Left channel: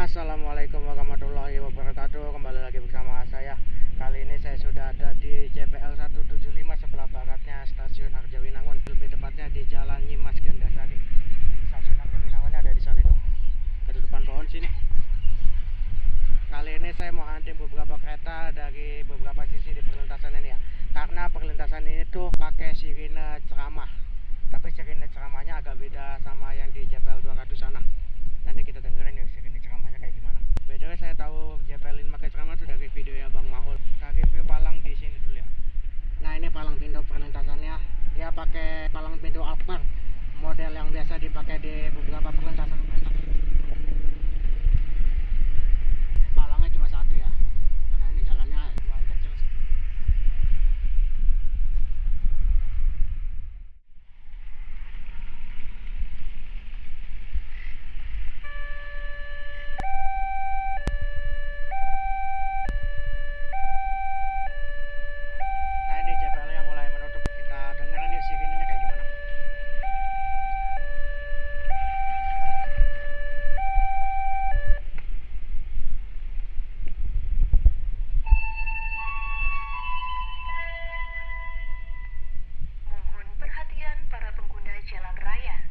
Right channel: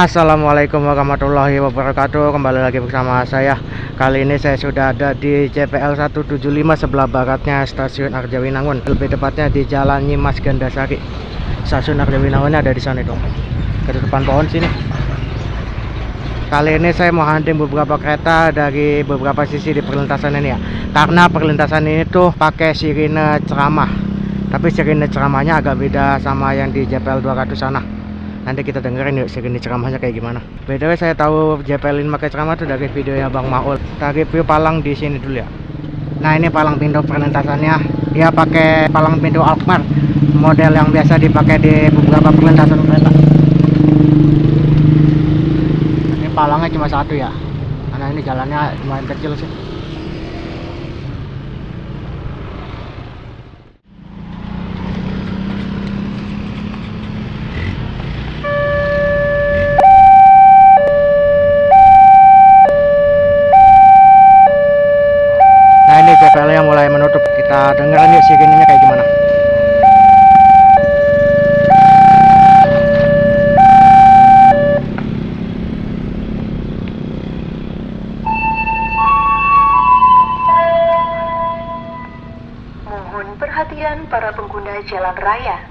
Assalamualaikum warahmatullahi wabarakatuh. Kembali lagi bersama saya. Kali ini saya sudah ada di CPL 175 sebelah baratnya Stasiun Arjawinangun. Lebih tepatnya di Jalan Nyimas Gandasari. Stasiun Arjawinangunnya ada di sana itu. Ke depan pohon sini. Kali ini saya mau hunting beberapa kereta dari beberapa sisi di perlintasan ini ya. Karena perlintasan ini tuh pakai sirine ceramah. Tapi sirine ceramahnya agak beda sama yang di JPL 200 sana. Nanti kita dengerin yuk segini ceramahnya kayak gimana. By the way, saya tahu JPL ini pakai ceramah tuh dari videonya Bang Maul. Kita review palang di sini dulu ya. Nah, ini palang pintu perlintasannya. Dia pakai palang pintu Alkmaar, model yang biasa dipakai di beberapa perlintasan kereta. Ini palangnya cuma satu ya, karena ini jalannya lumayan kecil sih. Ini JPL yang mulai menutup. Kita dengerin yuk sirinenya kayak gimana. Mohon perhatian para pengguna jalan raya.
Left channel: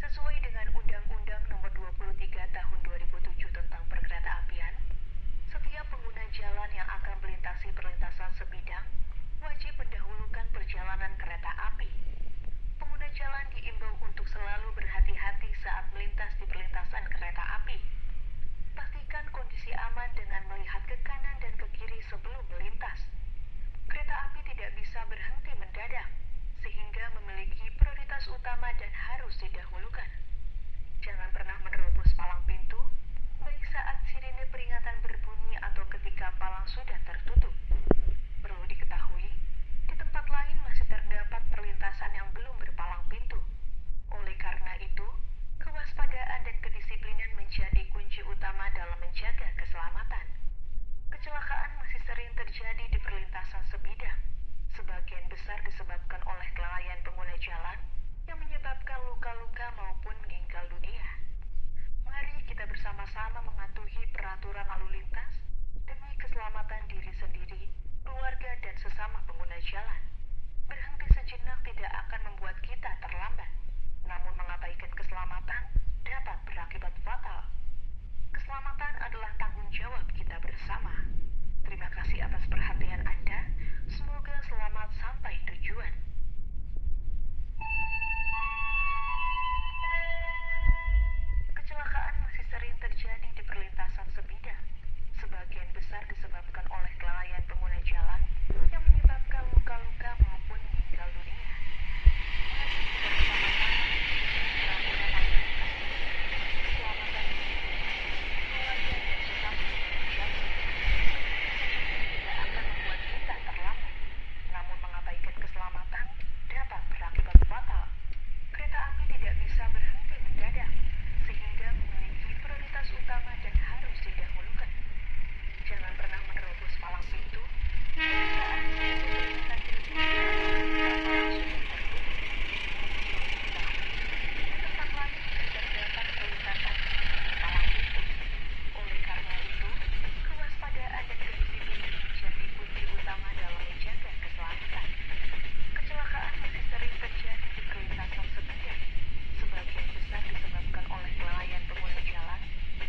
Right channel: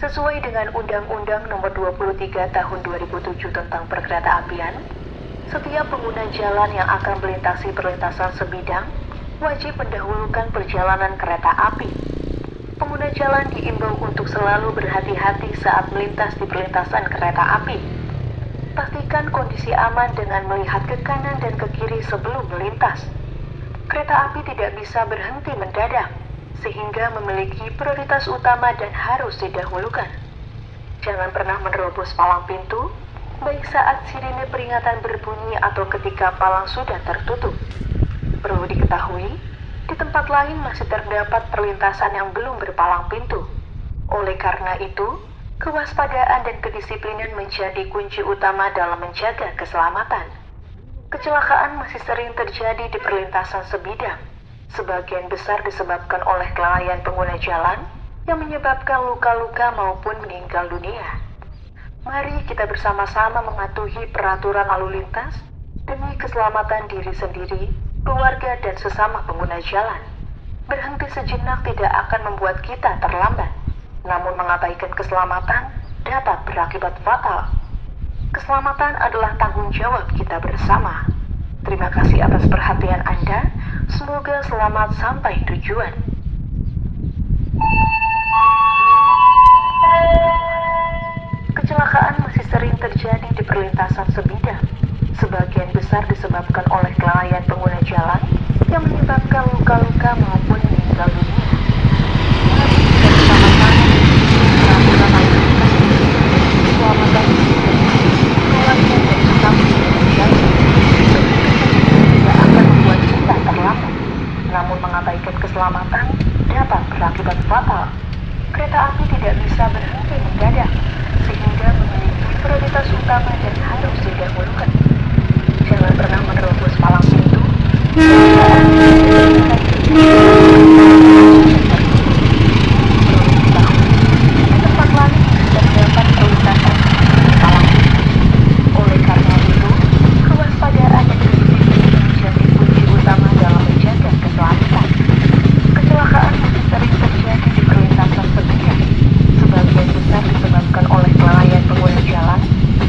Sesuai dengan Undang-Undang Nomor 23 Tahun 2007 tentang Perkeretaapian, setiap pengguna jalan yang akan melintasi perlintasan sebidang wajib mendahulukan perjalanan kereta api. Pengguna jalan diimbau untuk selalu berhati-hati saat melintas di perlintasan kereta api. Pastikan kondisi aman dengan melihat ke kanan dan ke kiri sebelum melintas. Kereta api tidak bisa berhenti mendadak, sehingga memiliki prioritas utama dan harus didahulukan. Jangan pernah menerobos palang pintu, baik saat sirine peringatan berbunyi atau ketika palang sudah tertutup. Perlu diketahui, di tempat lain masih terdapat perlintasan yang belum berpalang pintu. Oleh karena itu, kewaspadaan dan kedisiplinan menjadi kunci utama dalam menjaga keselamatan. Kecelakaan masih sering terjadi di perlintasan sebidang. Sebagian besar disebabkan oleh kelalaian pengguna jalan yang menyebabkan luka-luka maupun meninggal dunia. Mari kita bersama-sama mematuhi peraturan lalu lintas demi keselamatan diri sendiri, keluarga, dan sesama pengguna jalan. Berhenti sejenak tidak akan membuat kita terlambat, namun mengabaikan keselamatan dapat berakibat fatal. Keselamatan adalah tanggung jawab kita bersama. Terima kasih atas perhatian Anda. Semoga selamat sampai tujuan. Kecelakaan masih sering terjadi di perlintasan sebidang. Sebagian besar disebabkan oleh kelalaian pengguna jalan yang menyebabkan luka-luka maupun meninggal dunia. Mari kita bersama-sama peraturan lalu lintas keselamatan keluarga dan sesama pengguna jalan. Tidak akan membuat kita terlambat, namun mengabaikan keselamatan dapat berakibat fatal. Kereta api tidak bisa berhenti mendadak, sehingga memiliki prioritas utama dan harus didahulukan. Jangan pernah menerobos palang pintu. Di tempat lain terdapat perlintasan palang pintu. Oleh karena itu, kewaspadaan dan kedisiplinan menjadi kunci utama dalam menjaga keselamatan. Kecelakaan masih sering terjadi di perlintasan sebidang. Sebagian besar disebabkan oleh kelalaian pengguna jalan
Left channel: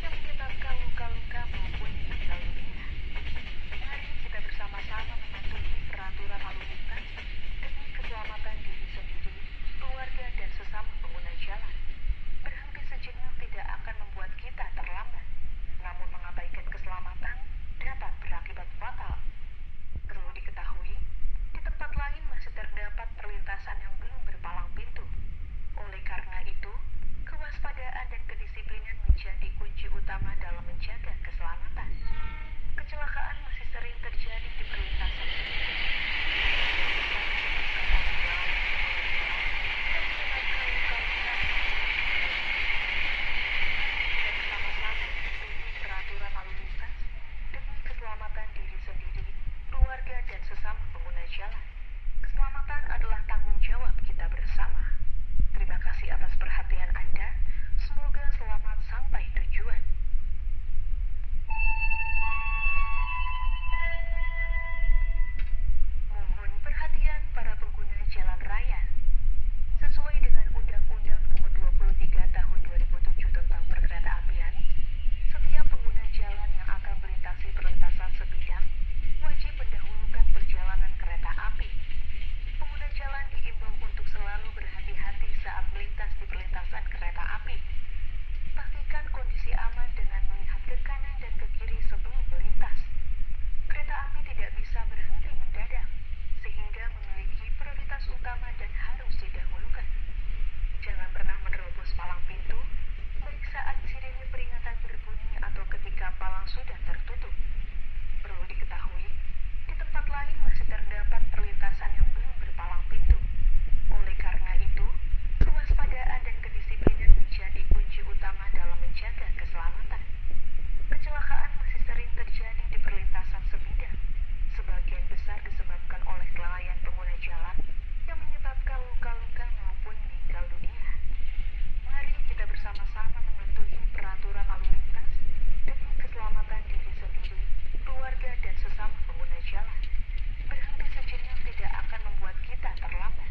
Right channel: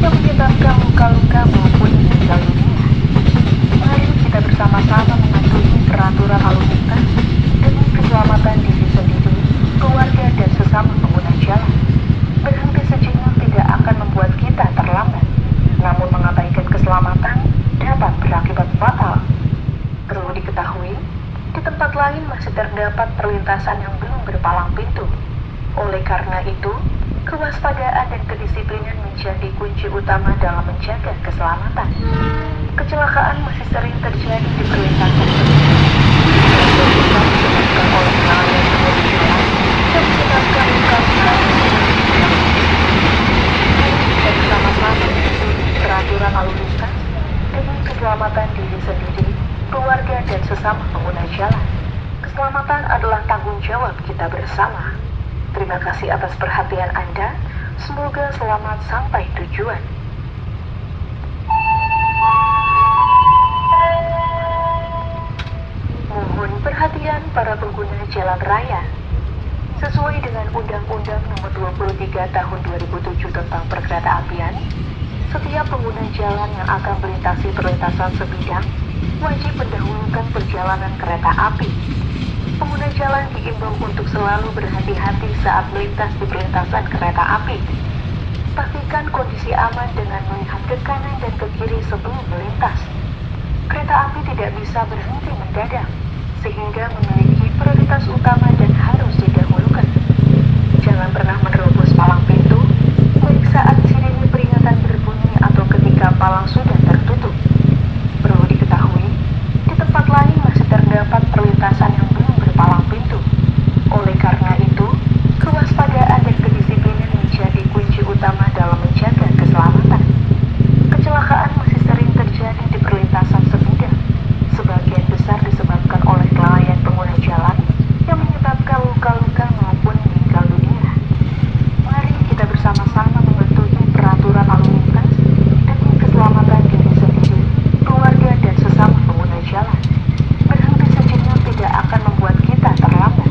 yang menyebabkan luka-luka maupun meninggal dunia. Mari kita bersama-sama mematuhi peraturan lalu lintas demi keselamatan diri sendiri, keluarga, dan sesama pengguna jalan. Berhenti sejenak tidak akan membuat kita terlambat, namun mengabaikan keselamatan dapat berakibat fatal. Perlu diketahui, di tempat lain masih terdapat perlintasan yang belum berpalang pintu. Oleh karena itu, kewaspadaan dan kedisiplinan menjadi kunci utama dalam menjaga keselamatan. Kecelakaan masih sering terjadi di perlintasan sebidang. Sebagian besar disebabkan oleh kelalaian pengguna jalan yang menyebabkan luka-luka. Mari kita bersama-sama mematuhi peraturan lalu lintas demi keselamatan diri sendiri, keluarga, dan sesama pengguna jalan. Keselamatan adalah tanggung jawab kita bersama. Terima kasih atas perhatian Anda. Semoga selamat sampai tujuan. jalan raya. Sesuai dengan Undang-Undang Nomor 23 Tahun 2007 tentang Perkeretaapian, setiap pengguna jalan yang akan melintasi perlintasan sebidang wajib mendahulukan perjalanan kereta api. Pengguna jalan diimbau untuk selalu berhati-hati saat melintas di perlintasan kereta api. Pastikan kondisi aman dengan melihat ke kanan dan ke kiri sebelum melintas. Kereta api tidak bisa berhenti mendadak, sehingga memiliki prioritas utama dan harus didahulukan. Jangan pernah menerobos palang pintu, baik saat sirine peringatan berbunyi atau ketika palang sudah tertutup. Perlu diketahui, di tempat lain masih terdapat perlintasan yang belum berpalang pintu. Oleh karena itu, kewaspadaan dan kedisiplinan menjadi kunci utama dalam menjaga keselamatan. Kecelakaan masih sering terjadi di perlintasan sebidang. Sebagian besar disebabkan oleh kelalaian pengguna jalan yang menyebabkan luka-luka maupun meninggal dunia. Mari kita bersama-sama mematuhi peraturan lalu lintas demi keselamatan diri sendiri, keluarga, dan sesama pengguna jalan. Berhenti sejenak tidak akan membuat kita terlambat,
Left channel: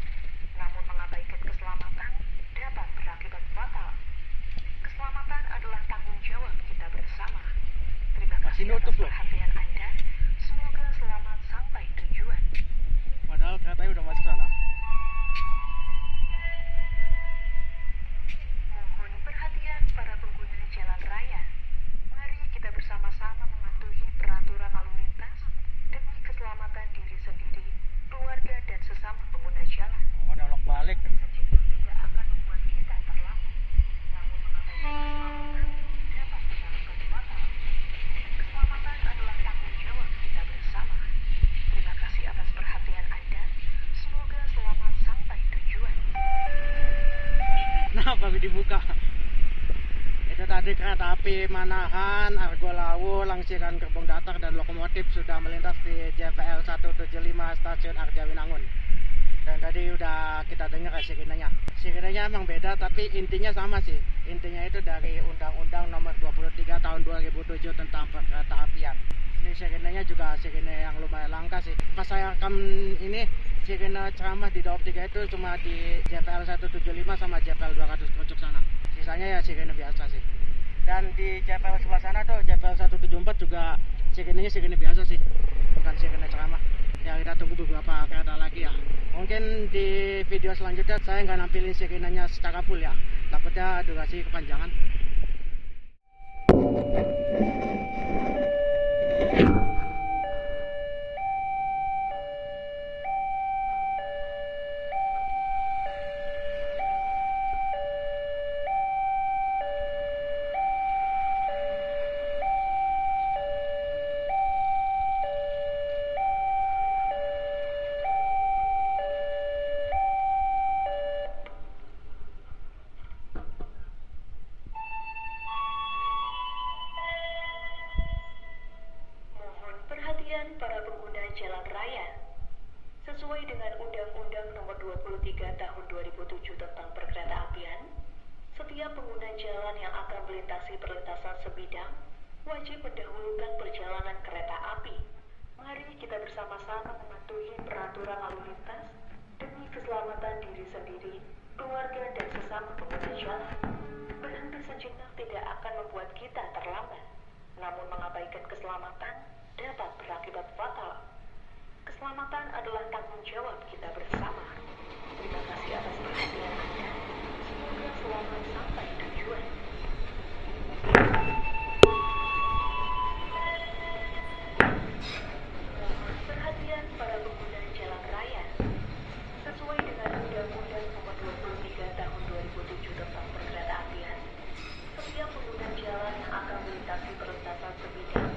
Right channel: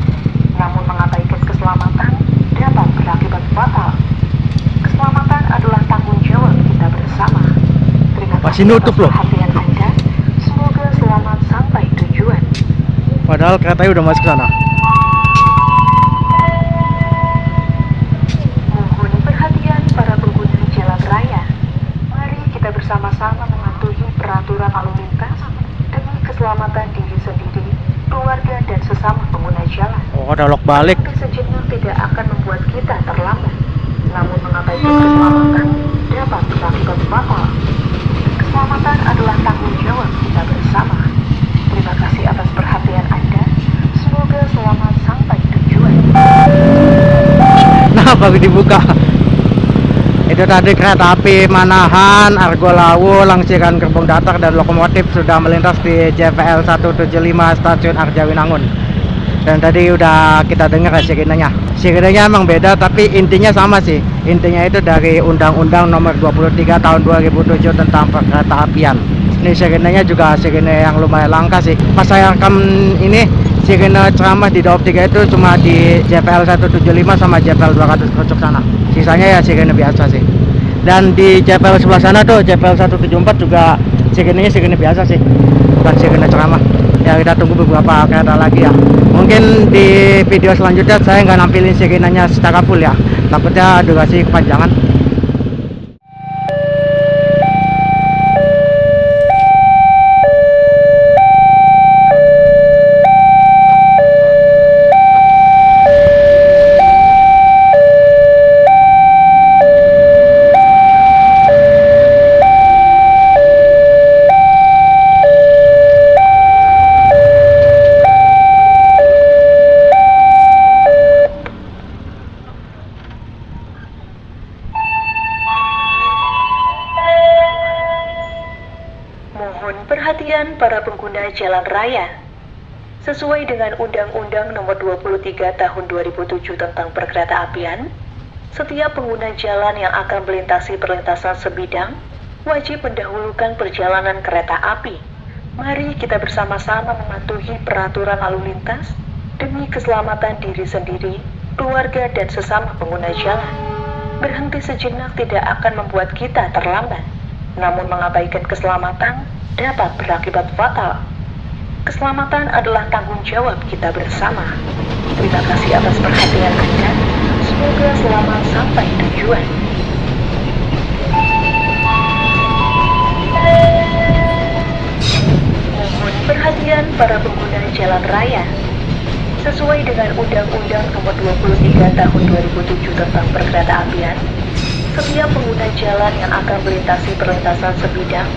namun mengabaikan keselamatan dapat berakibat fatal. Keselamatan adalah tanggung jawab kita bersama. Terima kasih Masih nutup atas loh. perhatian Anda. Semoga selamat sampai tujuan. Padahal keretanya udah masuk sana. Mohon perhatian para pengguna jalan raya. Mari kita bersama-sama mematuhi peraturan lalu lintas demi keselamatan diri sendiri, keluarga, dan sesama pengguna jalan. Oh, ada lock balik. Berhenti sejenak tidak akan membuat kita terlambat, namun mengabaikan keselamatan dapat berakibat fatal. Keselamatan adalah tanggung jawab kita bersama. Terima kasih atas perhatian Anda. Semoga selamat sampai tujuan. Nah, baru dibuka. Itu tadi kereta api Manahan, Argo Lawu, Langsiran Gerbong Datar dan lokomotif sudah melintas di JPL 175 Stasiun Arjawinangun. Dan tadi udah kita dengar sirenenya. Sirenenya emang beda tapi intinya sama sih. Intinya itu dari Undang-Undang Nomor 23 Tahun 2007 tentang Perkeretaapian. Ini sirenenya juga sirene yang lumayan langka sih. Pas saya rekam ini, sirene ceramah di Daob 3 itu cuma di JPL 175 sama JPL 200 Krucuk sana. Sisanya ya sirene biasa sih. Dan di JPL sebelah sana tuh, JPL 174 juga sirenenya sirene biasa sih. Bukan sirene ceramah. Ya kita tunggu beberapa kereta lagi ya. Mungkin di video selanjutnya saya nggak nampilin sirenenya secara full ya. Takutnya durasi kepanjangan. Mohon perhatian para pengguna jalan raya. Sesuai dengan Undang-Undang Nomor 23 Tahun 2007 tentang Perkeretaapian, setiap pengguna jalan yang akan melintasi perlintasan sebidang wajib mendahulukan perjalanan kereta api. Mari kita bersama-sama mematuhi peraturan lalu lintas demi keselamatan diri sendiri, keluarga, dan sesama pengguna jalan. Berhenti sejenak tidak akan membuat kita terlambat, namun mengabaikan keselamatan dapat berakibat fatal. Keselamatan adalah tanggung jawab kita bersama. Terima kasih atas perhatian Anda. Semoga selamat sampai tujuan. Mohon perhatian para pengguna jalan raya. Sesuai dengan Undang-Undang Nomor 23 Tahun 2007 tentang Perkeretaapian, setiap pengguna jalan yang akan melintasi perlintasan sebidang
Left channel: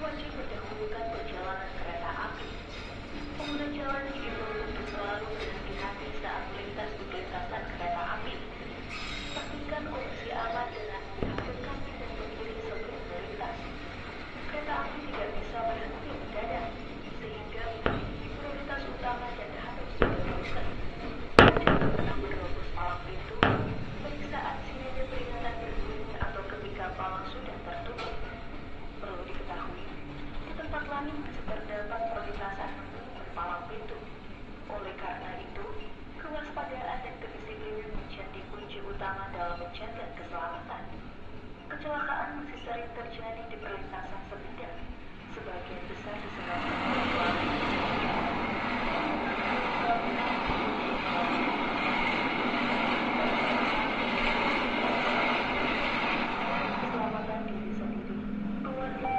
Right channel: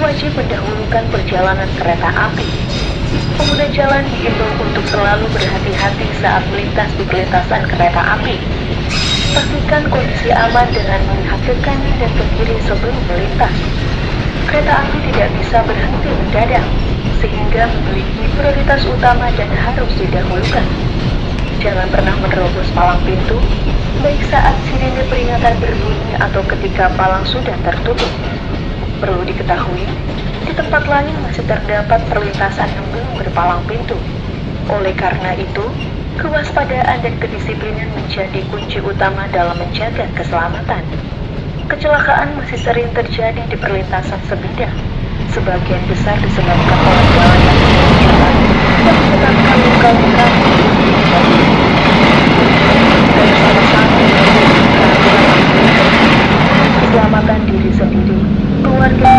wajib mendahulukan perjalanan kereta api. Pengguna jalan diimbau untuk selalu berhati-hati saat melintas di perlintasan kereta api. Pastikan kondisi aman dengan melihat ke kanan dan ke kiri sebelum melintas. Kereta api tidak bisa berhenti mendadak, sehingga memiliki prioritas utama dan harus didahulukan. Jangan pernah menerobos palang pintu, baik saat sirine peringatan berbunyi atau ketika palang sudah tertutup. Perlu diketahui, di tempat lain masih terdapat perlintasan yang belum berpalang pintu. Oleh karena itu, kewaspadaan dan kedisiplinan menjadi kunci utama dalam menjaga keselamatan. Kecelakaan masih sering terjadi di perlintasan sebidang, sebagian besar disebabkan oleh jalan yang berjalan dan menyebabkan luka-luka dan salah satu keselamatan diri sendiri, keluarga.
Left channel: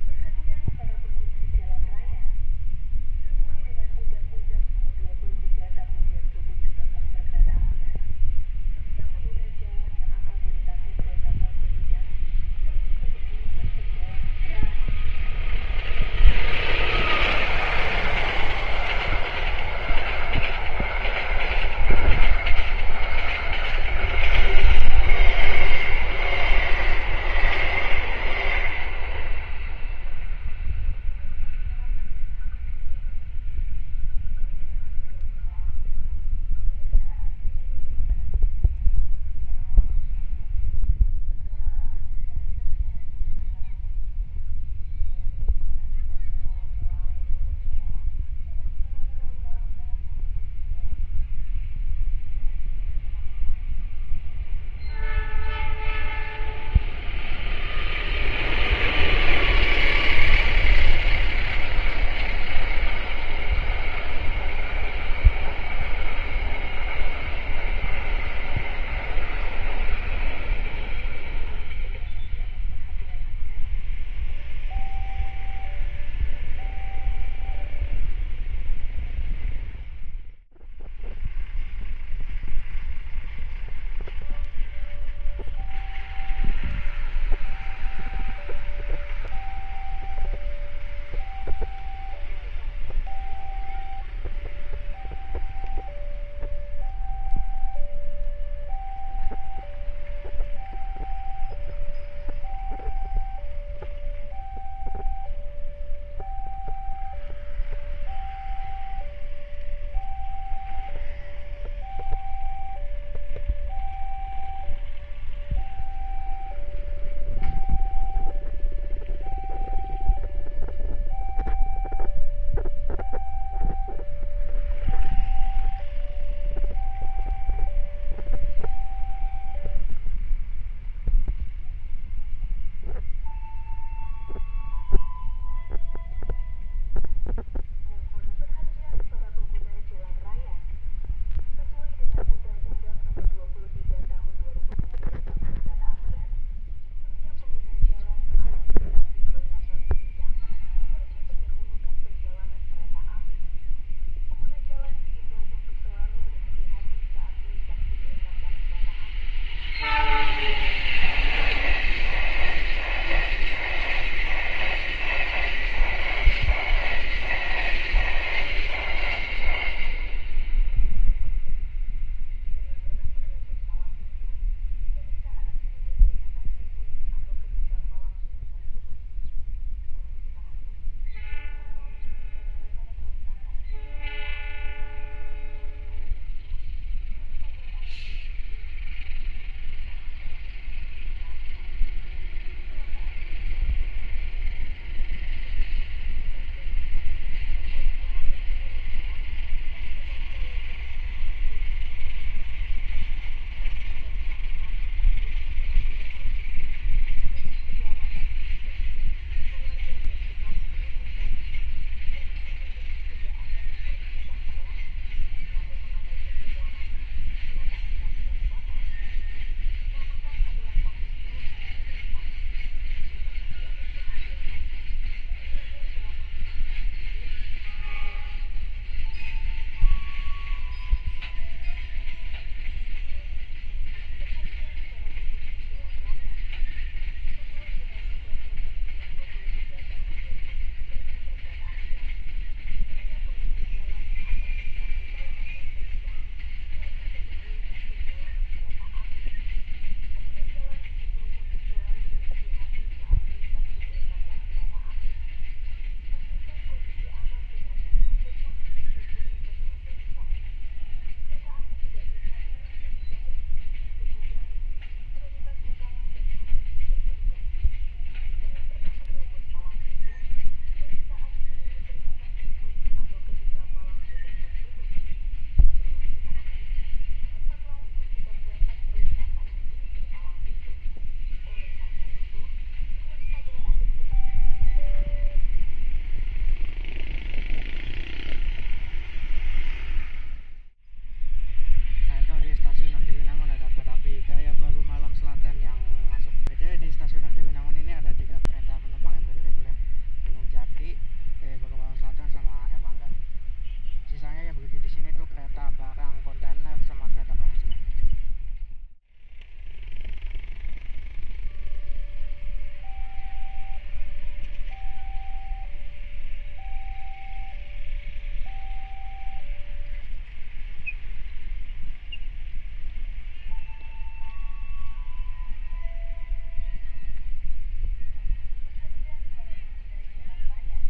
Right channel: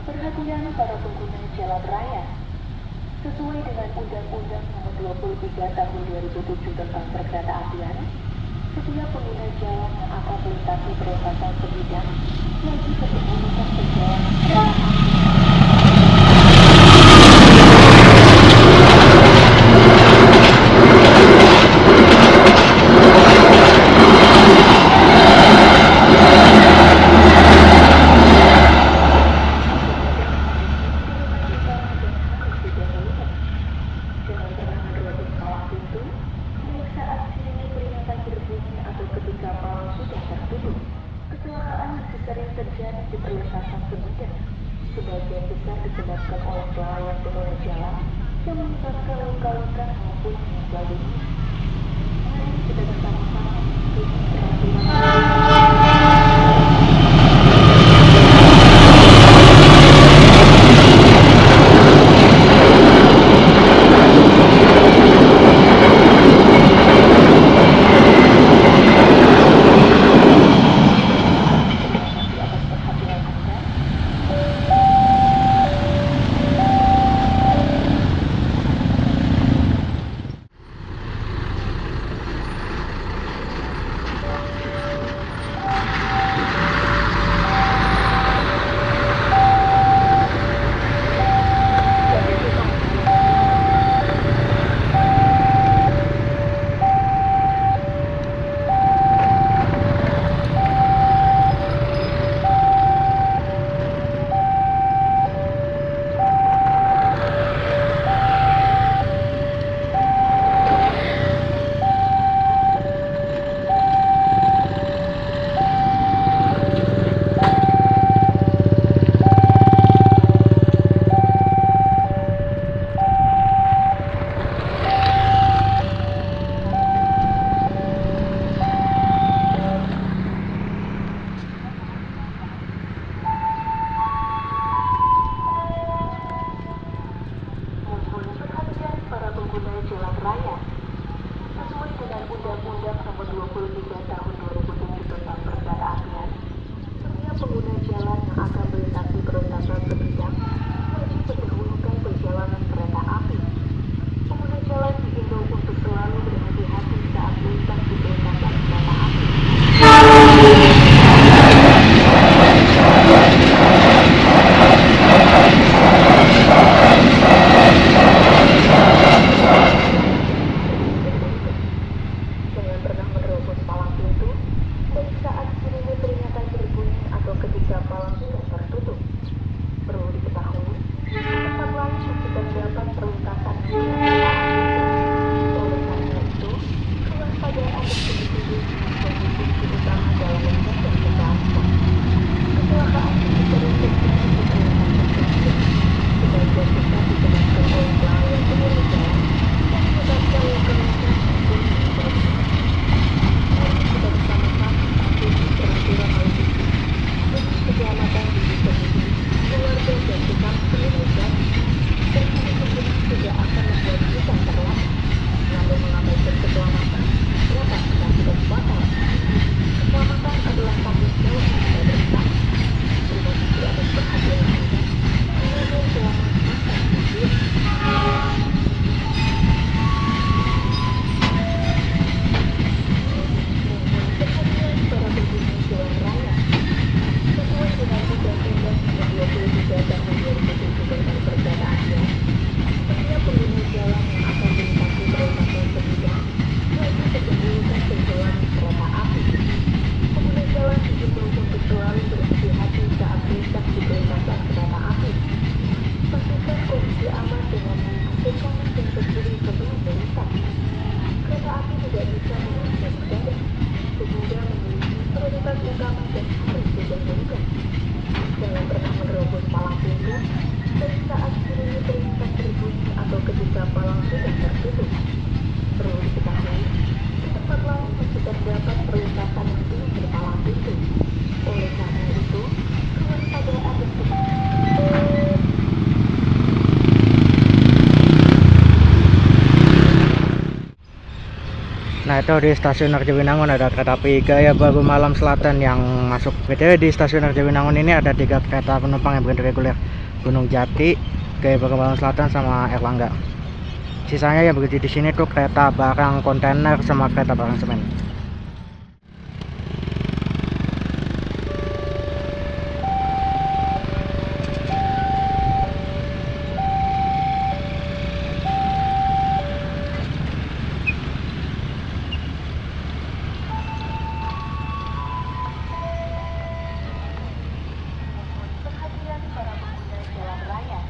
Perhatian para pengguna jalan raya. Sesuai dengan Undang-Undang Nomor 23 Tahun 2007 tentang Perkeretaapian, setiap pengguna jalan yang akan melintasi perlintasan sebidang wajib menggunakan perjalanan kereta api. Jangan pernah menerobos palang pintu, naik itu dan saat sirine perintah berbunyi atau ketika palang sudah tertutup. Perlu diketahui, di tempat lain masih terdapat perlintasan yang belum berpalang pintu. Oleh karena itu, kewaspadaan dan Nah, itu di stasiun Arjawinangun ada kereta api Gaya Baru Malam Selatan yang masuk. BTW di stasiun Arjawinangun ini ada 3 kereta penumpang yang berhenti reguler, Gunung Jati, Gaya Baru Malam Selatan, sama Erlangga. Sisanya yang berhenti di sini tuh kereta barang kontainer sama kereta barang semen. perhatian para pengguna jalan raya.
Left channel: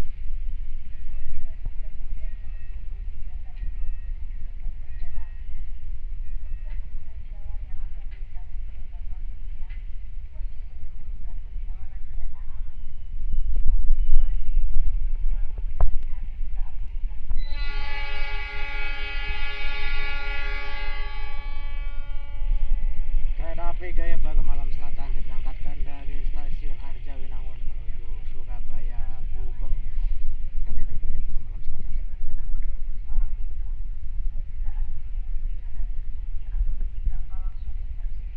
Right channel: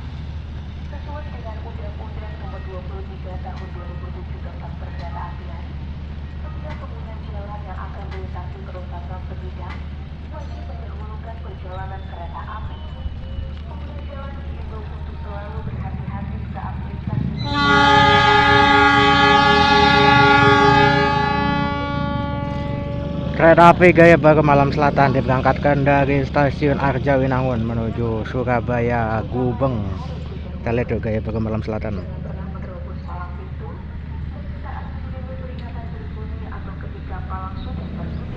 Sesuai dengan Undang-Undang Nomor 23 Tahun 2007 tentang Perkeretaapian, setiap pengguna jalan yang akan melintasi perlintasan sebidang wajib mendahulukan perjalanan kereta api. Pengguna jalan diimbau untuk selalu berhati-hati saat melintasi. Kereta api Gaya Baru Malam Selatan diberangkatkan dari stasiun Arjawinangun menuju Surabaya Gubeng. Kita lihat tuh Gaya Baru Malam Selatan. Pernah menerobos palang pintu dan saat sirine peringatan berbunyi atau ketika palang sudah tertutup.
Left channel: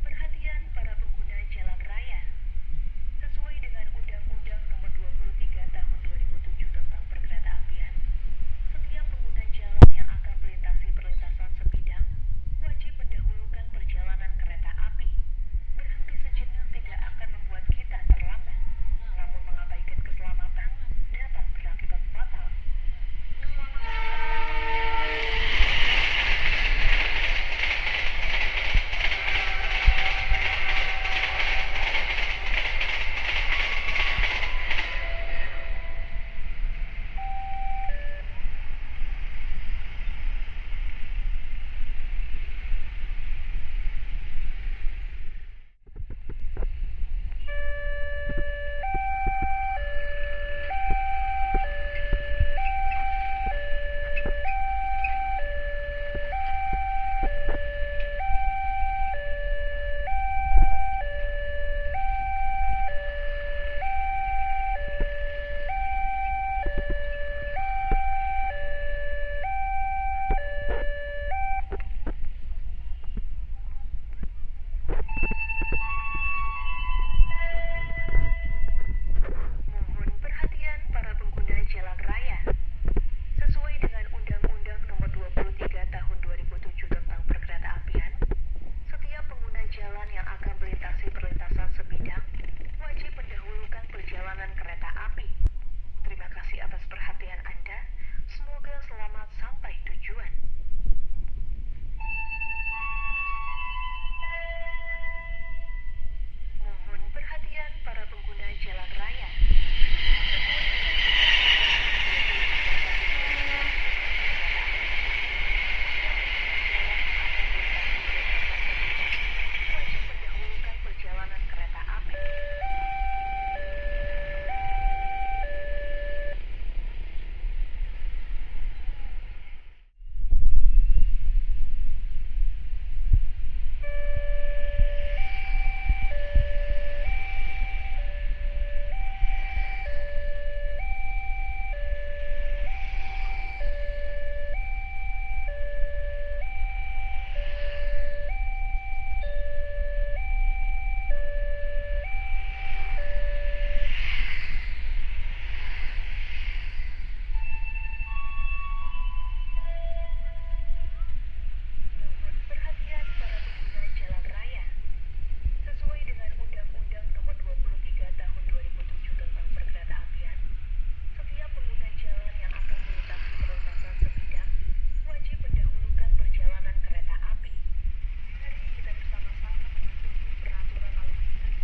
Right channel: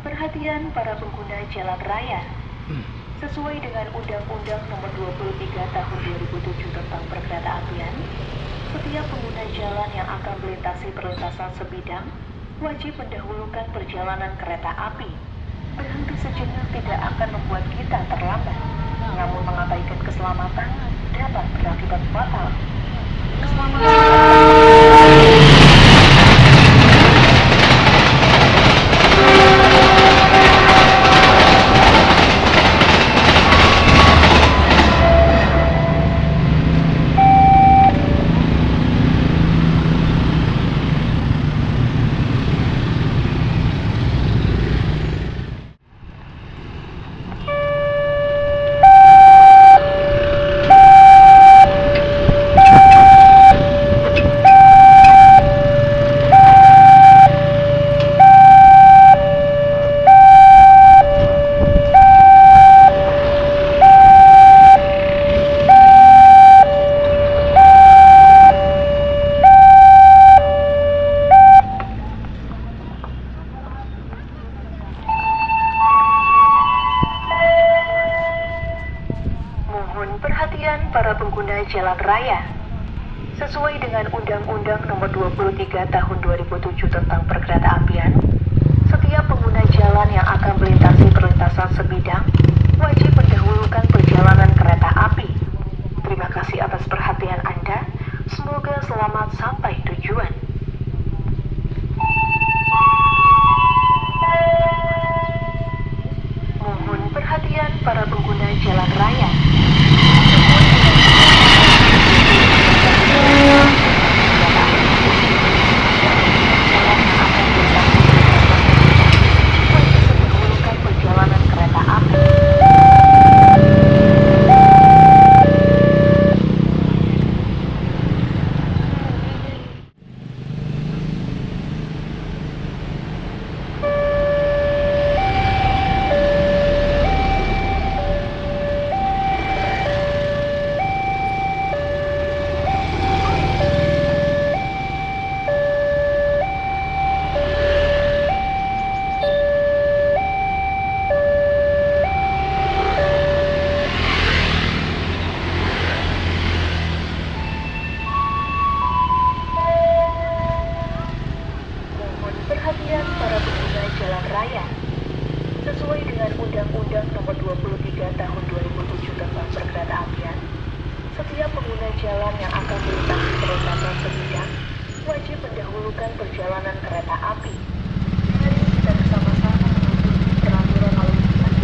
Perhatian para pengguna jalan raya. Sesuai dengan Undang-Undang Nomor 23 Tahun 2007 tentang Perkeretaapian, setiap pengguna jalan yang akan melintasi perlintasan sebidang wajib mendahulukan perjalanan kereta api. Berhenti sejenak tidak akan membuat kita terlambat, namun mengabaikan keselamatan dapat berakibat fatal. Perhatian para pengguna jalan raya. Sesuai dengan Undang-Undang Nomor 23 Tahun 2007 tentang Perkeretaapian, setiap pengguna jalan yang akan melintasi perlintasan sebidang wajib mendahulukan perjalanan kereta api. Terima kasih atas perhatian Anda. Semoga selamat sampai tujuan. jalan raya. Sesuai dengan Undang-Undang Nomor 23 Tahun 2007 tentang Perkeretaapian, setiap pengguna jalan yang akan melintasi perlintasan sebidang wajib mendahulukan perjalanan kereta api. Mari kita bersama-sama mengikuti peraturan lalu lintas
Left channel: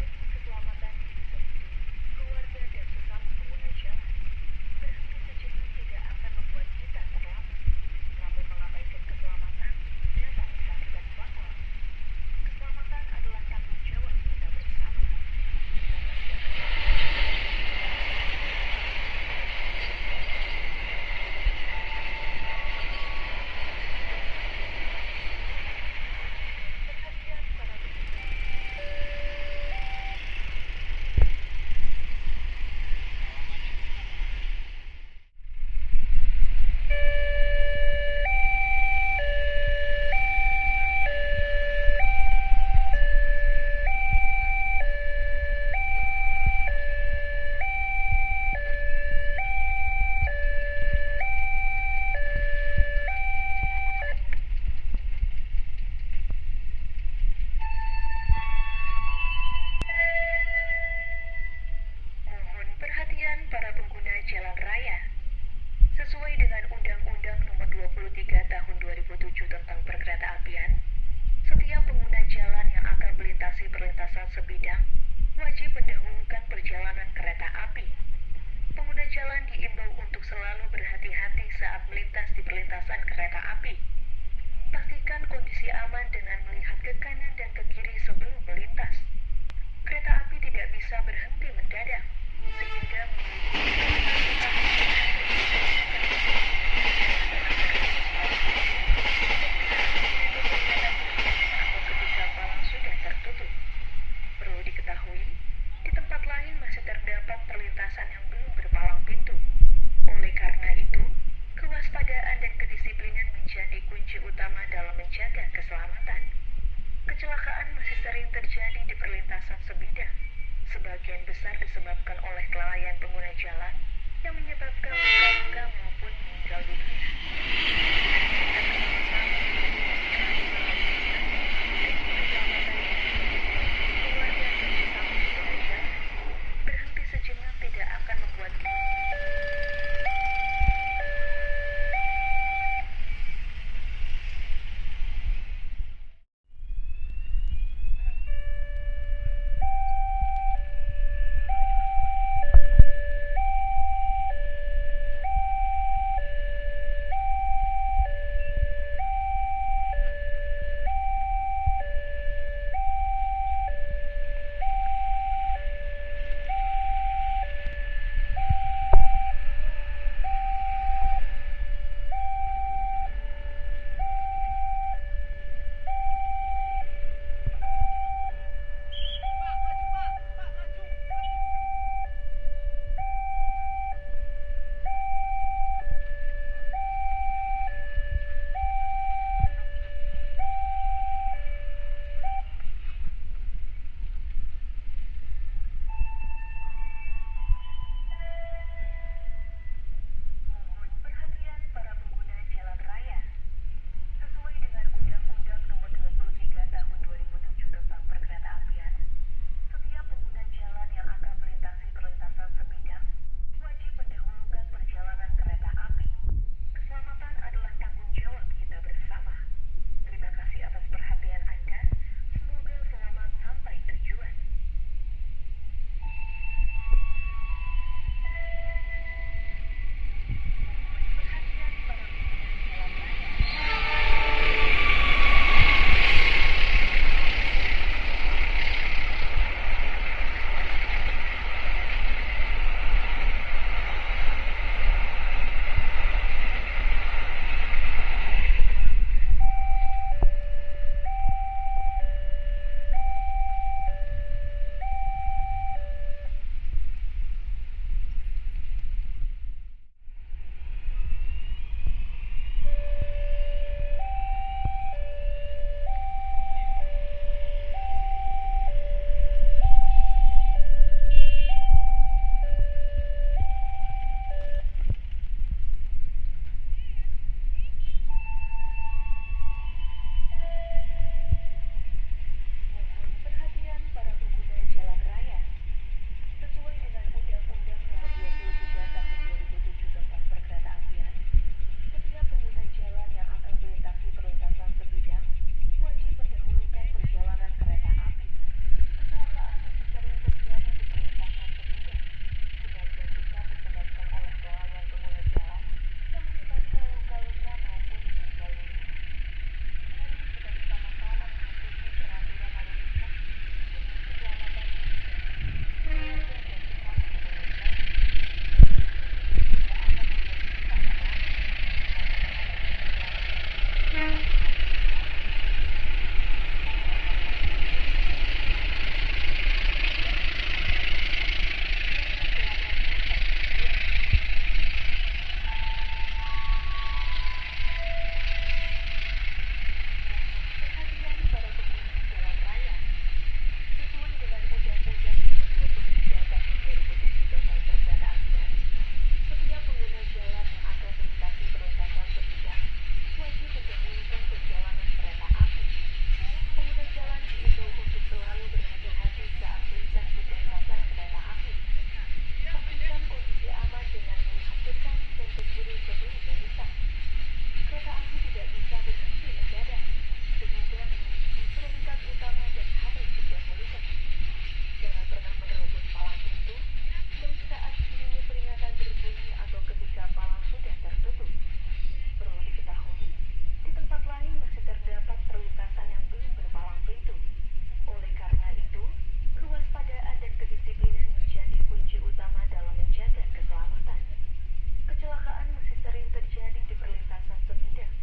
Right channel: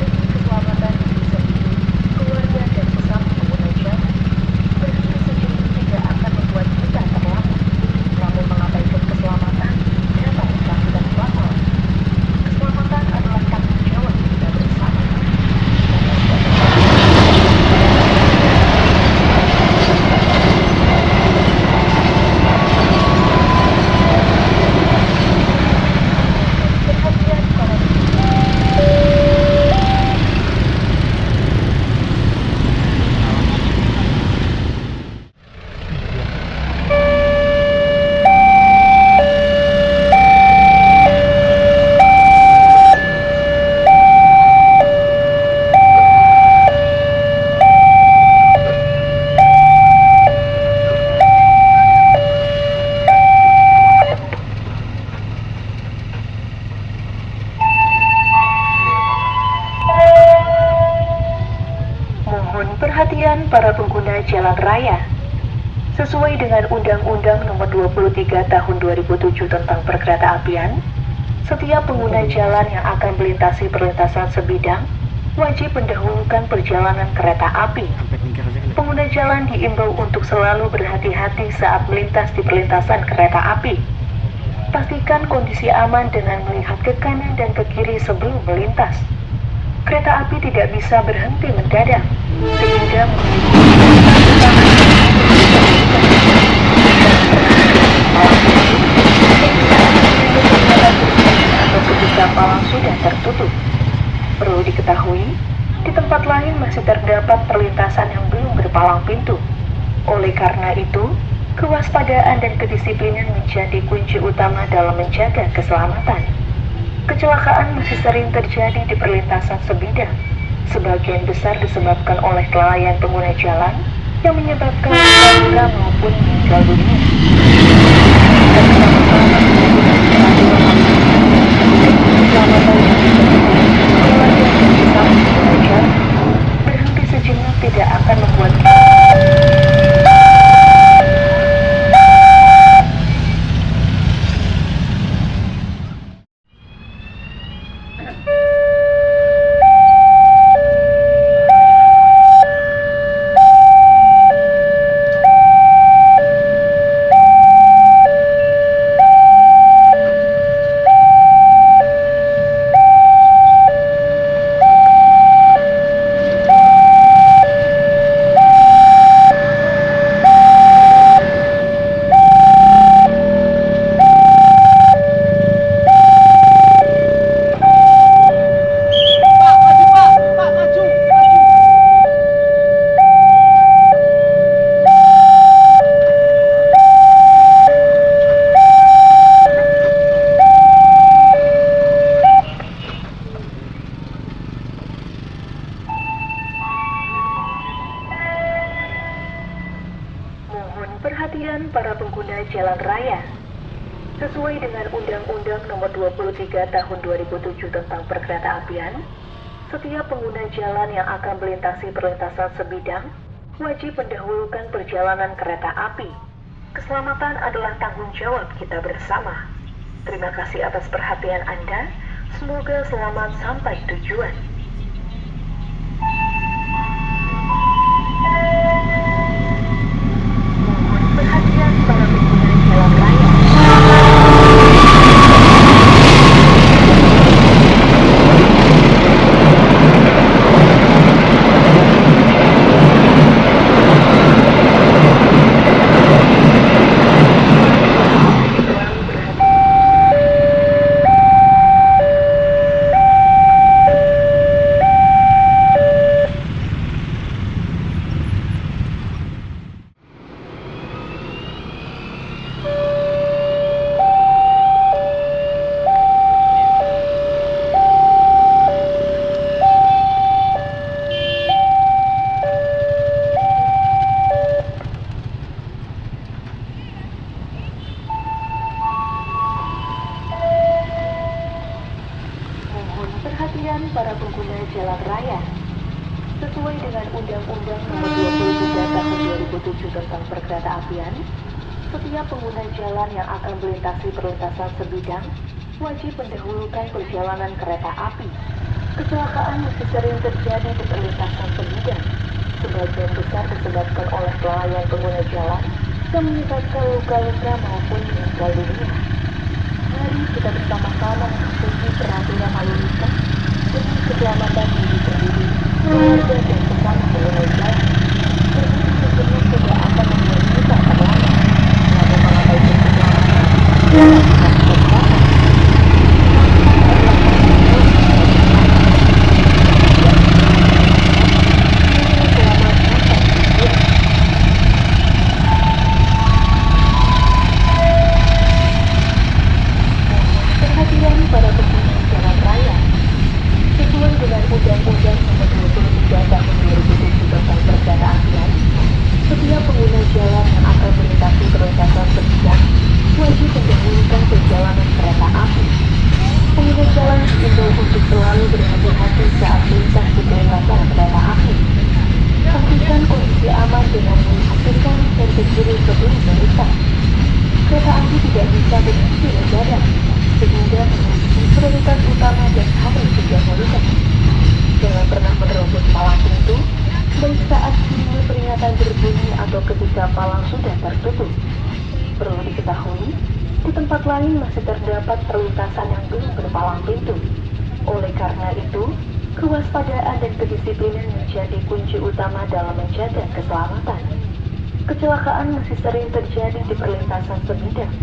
demi keselamatan diri sendiri, keluarga dan sesama pengguna jalan. Berhenti sejenak tidak akan membuat kita terlambat, namun mengabaikan keselamatan dapat mengakibatkan fatal. Keselamatan adalah tanggung jawab kita bersama. Perhatian para Mohon perhatian para pengguna jalan raya. Sesuai dengan Undang-Undang Nomor 23 Tahun 2007 tentang Perkeretaapian, setiap pengguna jalan yang akan melintasi perlintasan sebidang wajib mendahulukan perjalanan kereta api. Pengguna jalan diimbau untuk selalu berhati-hati saat melintas di perlintasan kereta api. Pastikan kondisi aman dengan melihat ke kanan dan ke kiri sebelum melintas. Kereta api tidak bisa berhenti mendadak, sehingga atau ketika palang sudah tertutup. Perlu diketahui, di tempat lain masih terdapat perlintasan yang belum berpalang pintu. Oleh karena itu, kewaspadaan dan kedisiplinan menjadi kunci utama dalam menjaga keselamatan. Kecelakaan masih sering terjadi di perlintasan sebidang. Sebagian besar disebabkan oleh kelalaian pengguna jalan yang menyebabkan luka maupun meninggal dunia. Kita bersama-sama menggunakan peraturan keselamatan yang keluarga dan sesama pengguna jalan. Berhenti sejenak tidak akan membuat perhatian para pengguna jalan raya. Sesuai dengan Undang-Undang Nomor 23 Tahun 2007 tentang Perkeretaapian, setiap pengguna jalan yang akan melintasi perlintasan sebidang wajib mendahulukan perjalanan kereta api. Keselamatan adalah tanggung jawab kita bersama. Terima kasih atas perhatian Anda. Semoga selamat sampai tujuan. Perhatian para pengguna jalan raya. para pengguna jalan raya. Sesuai dengan Undang-Undang Nomor 23 Tahun 2007 tentang Perkeretaapian, setiap pengguna jalan yang akan melintasi perlintasan sebidang wajib mendahulukan perjalanan kereta api. Kecelakaan masih sering terjadi di perlintasan sebidang. Sebagian besar disebabkan oleh kelalaian pengguna jalan yang menyebabkan luka-luka maupun meninggal dunia. Mari kita bersama-sama mematuhi peraturan lalu lintas demi keselamatan diri sendiri, keluarga dan sesama pengguna jalan. Ini tentunya tidak akan membuat kita terlambat, namun mengabaikan keselamatan dan keselamatan. Perhatian para pengguna jalan raya. Sesuai dengan Undang-Undang Nomor 23 Tahun 2007 tentang Perkeretaapian, setiap pengguna jalan yang akan melintasi perlintasan sebidang wajib mendahulukan perjalanan kereta api. Pengguna jalan diimbau untuk selalu berhati-hati saat melintas di perlintasan kereta api. Pastikan kondisi aman dengan melihat ke kanan dan ke kiri sebelum melintas. Kereta api tidak bisa berhenti mendadak, sehingga memiliki prioritas utama dan harus didahulukan. Jangan pernah menerobos palang pintu, baik saat sinyal peringatan berbunyi atau ketika palang sudah tertutup. Perlu diketahui, di tempat lain masih terdapat perlintasan yang belum berpalang pintu. Oleh karena itu, kewaspadaan dan kedisiplinan menjadi kunci utama dalam menjaga keselamatan. Kecelakaan masih sering terjadi di perlintasan sebidang.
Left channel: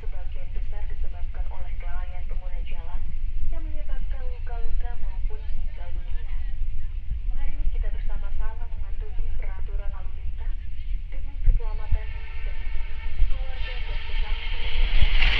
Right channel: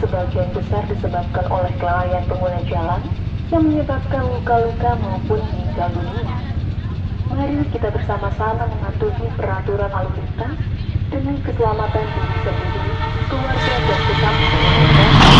Sebagian besar disebabkan oleh kelalaian pengguna jalan yang menyebabkan luka-luka maupun meninggal dunia. Mari kita bersama-sama mematuhi peraturan lalu lintas demi keselamatan diri sendiri, keluarga dan sesama pengguna jalan.